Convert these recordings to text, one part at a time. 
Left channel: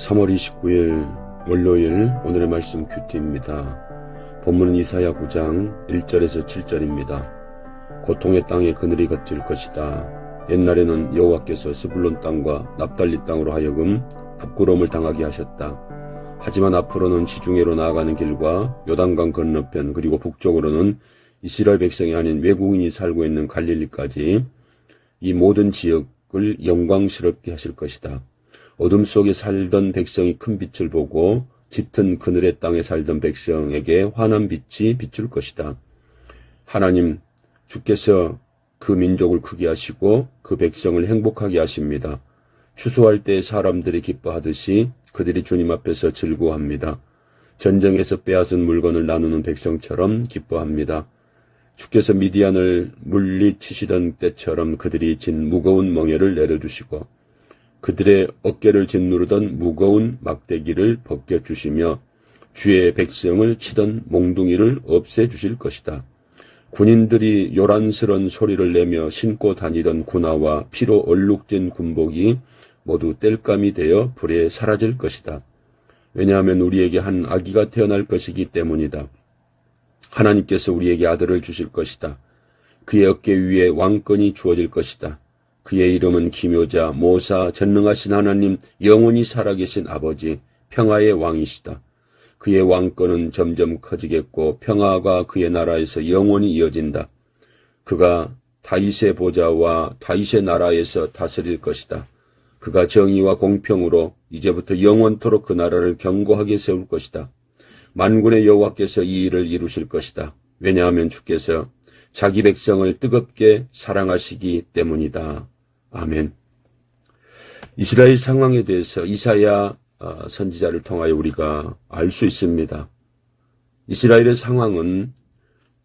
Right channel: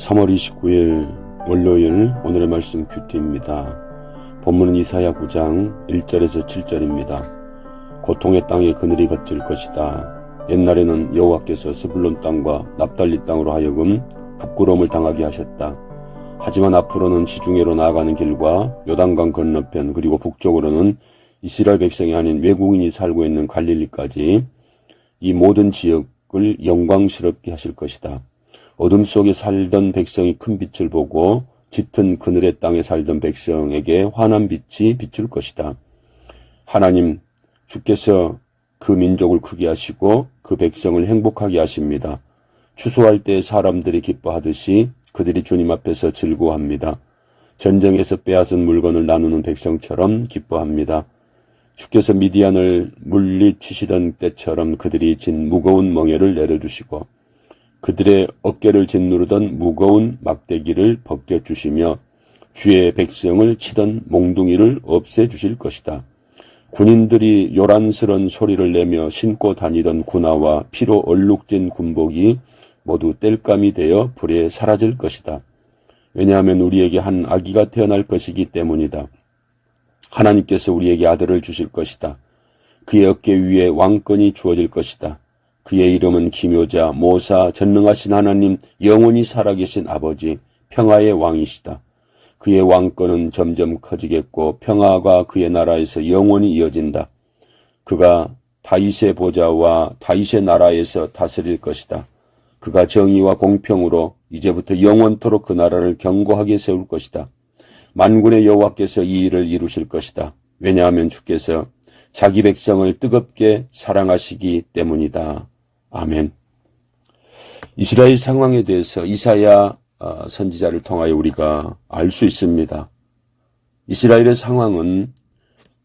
3월 29일 월요일 오늘의 말씀 큐티입니다. 본문은 이사야 9장 1절에서 7절입니다. 고통의 땅에 그늘이 걷질 것이다. 옛날에는 여호와께서 스불론 땅과 납달리 땅으로 하여금 부끄러움을 당하게 하셨다. 하지만 앞으로는 지중해로 나아가는 길과 요단강 건너편 그리고 북쪽으로는 이스라엘 백성이 아닌 외국인이 살고 있는 갈릴리까지 이 모든 지역을 영광스럽게 하실 것이다. 어둠 속에 살던 백성이 큰 빛을 보고 짙은 그늘의 땅에 살던 백성에게 환한 빛이 비출 것이다. 하나님, 주께서 그 민족을 크게 하시고 그 백성을 행복하게 하십니다. 추수할 때 사람들이 기뻐하듯이 그들이 주님 앞에서 즐거워합니다. 전쟁에서 빼앗은 물건을 나누는 백성처럼 기뻐합니다. 주께서 미디안을 물리치시던 때처럼 그들이 진 무거운 멍에를 내려주시고 그들의 어깨를 짓누르던 무거운 막대기를 벗겨주시며 주의 백성을 치던 몽둥이를 없애주실 것이다. 군인들이 요란스런 소리를 내며 신고 다니던 군화와 피로 얼룩진 군복이 모두 땔감이 되어 불에 사라질 것이다. 왜냐하면 우리에게 한 아기가 태어날 것이기 때문이다. 하나님께서 우리에게 아들을 주실 것이다. 그의 어깨 위에 왕권이 주어질 것이다. 그의 이름은 기묘자, 모사, 전능하신 하나님, 영원히 살아계신 아버지, 평화의 왕이시다. 그의 왕권은 점점 커지겠고 평화가 그의 나라에서 영원히 이어진다. 그가 다윗의 보좌와 다윗의 나라에서 다스릴 것이다. 그가 정의와 공평으로 이제부터 영원토록 그 나라를 견고하게 세울 것이다. 만군의 여호와께서 이 일을 이루실 것이다. 왜냐하면 주께서 자기 백성을 뜨겁게 사랑하시기 때문이다. 아멘. 이스라엘 상황에 대해서 이사야 선지자를 통하여 우리가 알 수 있습니다. 이스라엘의 상황은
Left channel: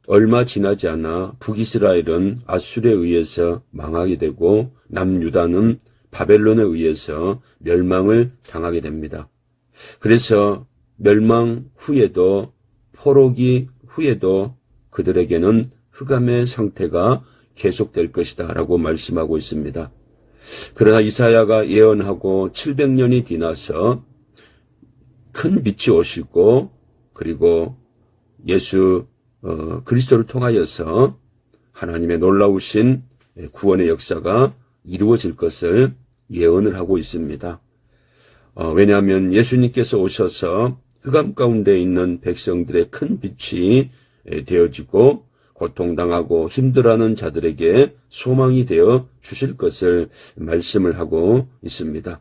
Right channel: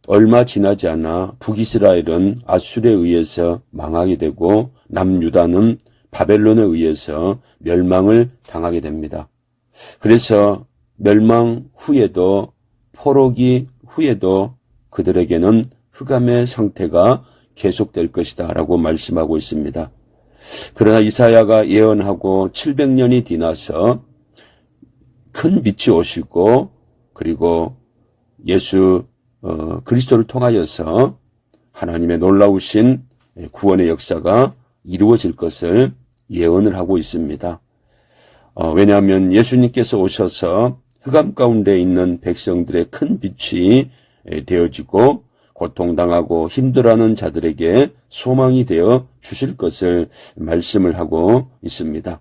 얼마 지나지 않아 북이스라엘은 아수르에 의해서 망하게 되고 남유다는 바벨론에 의해서 멸망을 당하게 됩니다. 그래서 멸망 후에도 포로기 후에도 그들에게는 흑암의 상태가 계속될 것이다 라고 말씀하고 있습니다. 그러나 이사야가 예언하고 700년이 지나서 큰 빛이 오시고 그리고 예수 그리스도를 통하여서 하나님의 놀라우신 구원의 역사가 이루어질 것을 예언을 하고 있습니다. 왜냐하면 예수님께서 오셔서 흑암 가운데 있는 백성들의 큰 빛이 되어지고 고통당하고 힘들어하는 자들에게 소망이 되어 주실 것을 말씀을 하고 있습니다.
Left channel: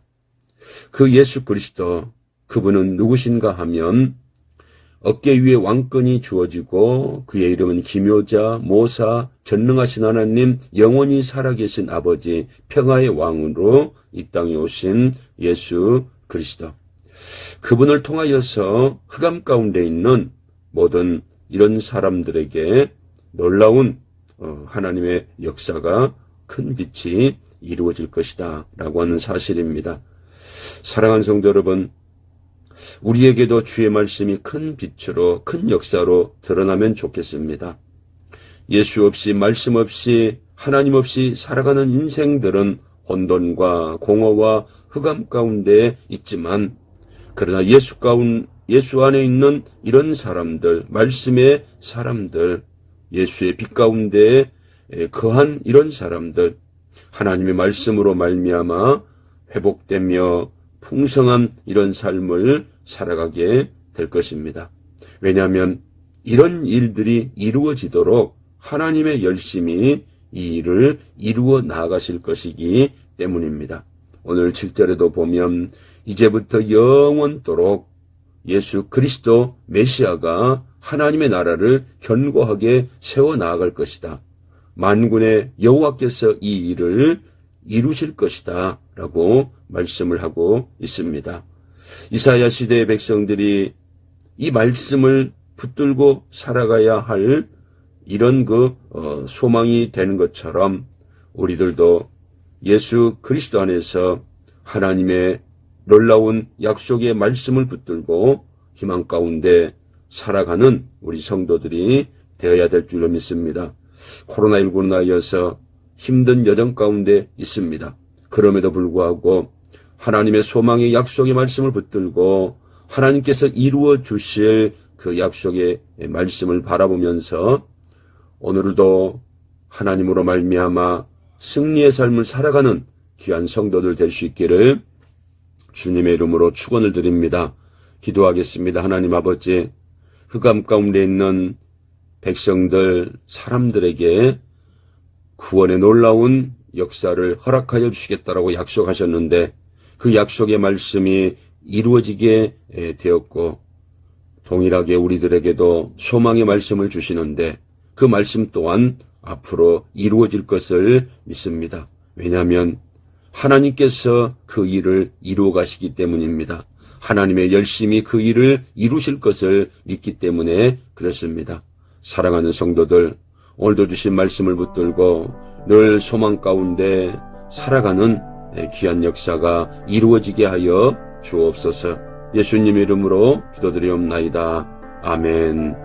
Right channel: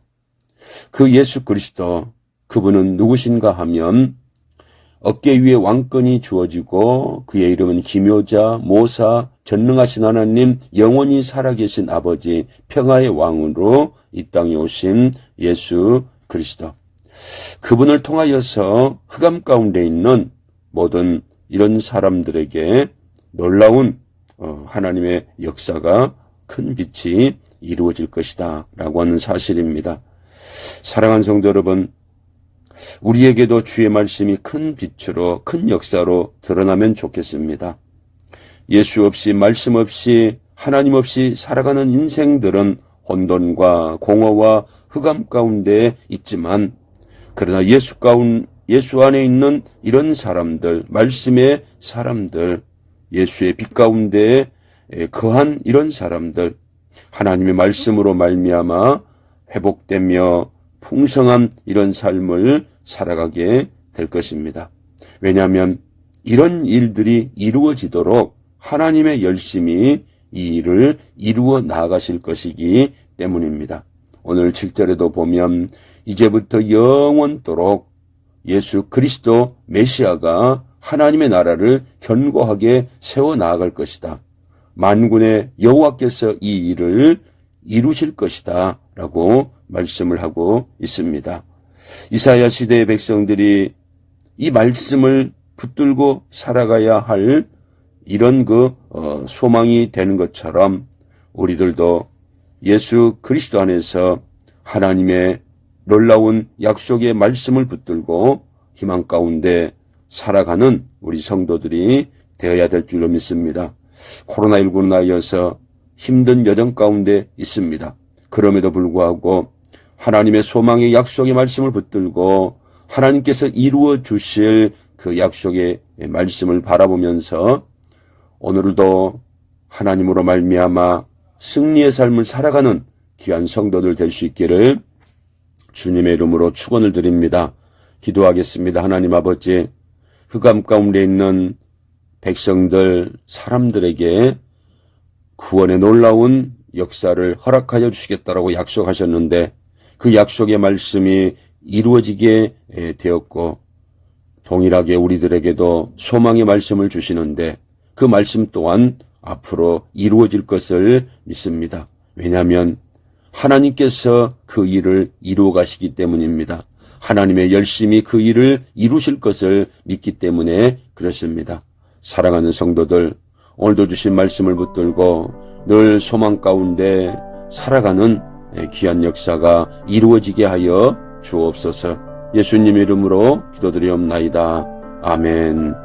그 예수 그리스도, 그분은 누구신가 하면 어깨 위에 왕권이 주어지고 그의 이름은 기묘자, 모사, 전능하신 하나님, 영원히 살아계신 아버지, 평화의 왕으로 이 땅에 오신 예수 그리스도. 그분을 통하여서 흑암 가운데 있는 모든 이런 사람들에게 놀라운 하나님의 역사가 큰 빛이 이루어질 것이다 라고 하는 사실입니다. 사랑하는 성도 여러분, 우리에게도 주의 말씀이 큰 빛으로 큰 역사로 드러나면 좋겠습니다. 예수 없이 말씀 없이 하나님 없이 살아가는 인생들은 혼돈과 공허와 흑암 가운데 있지만 그러나 예수 안에 있는 이런 사람들, 말씀의 사람들, 예수의 빛 가운데 거한 이런 사람들, 하나님의 말씀으로 말미암아 회복되며 풍성한 이런 삶을 살아가게 될 것입니다. 왜냐하면 이런 일들이 이루어지도록 하나님의 열심히 이 일을 이루어 나가실 것이기 때문입니다. 오늘 7절에도 보면 이제부터 영원토록 예수 그리스도 메시아가 하나님의 나라를 견고하게 세워나갈 것이다. 만군의 여호와께서 이 일을 이루실 것이다 라고 말씀을 하고 있습니다. 이사야 시대의 백성들이 이 말씀을 붙들고 살아가야 할 이런 소망이 되는 것처럼 우리들도 예수 그리스도 안에서 하나님의 놀라운 약속의 말씀을 붙들고 희망 가운데 살아가는 우리 성도들이 되어야 될 줄로 믿습니다. 코로나19로 인하여서 힘든 여정 가운데 있습니다. 그럼에도 불구하고 하나님의 소망의 약속의 말씀을 붙들고 하나님께서 이루어 주실 그 약속의 말씀을 바라보면서 오늘도 하나님으로 말미암아 승리의 삶을 살아가는 귀한 성도들 될 수 있기를 주님의 이름으로 축원을 드립니다. 기도하겠습니다. 하나님 아버지, 흑암 가운데 있는 백성들, 사람들에게 구원의 놀라운 역사를 허락하여 주시겠다라고 약속하셨는데 그 약속의 말씀이 이루어지게 되었고 동일하게 우리들에게도 소망의 말씀을 주시는데 그 말씀 또한 앞으로 이루어질 것을 믿습니다. 왜냐하면 하나님께서 그 일을 이루어 가시기 때문입니다. 하나님의 열심히 그 일을 이루실 것을 믿기 때문에 그렇습니다. 사랑하는 성도들, 오늘도 주신 말씀을 붙들고 늘 소망 가운데 살아가는 귀한 역사가 이루어지게 하여 주옵소서. 예수님 이름으로 기도드리옵나이다. 아멘.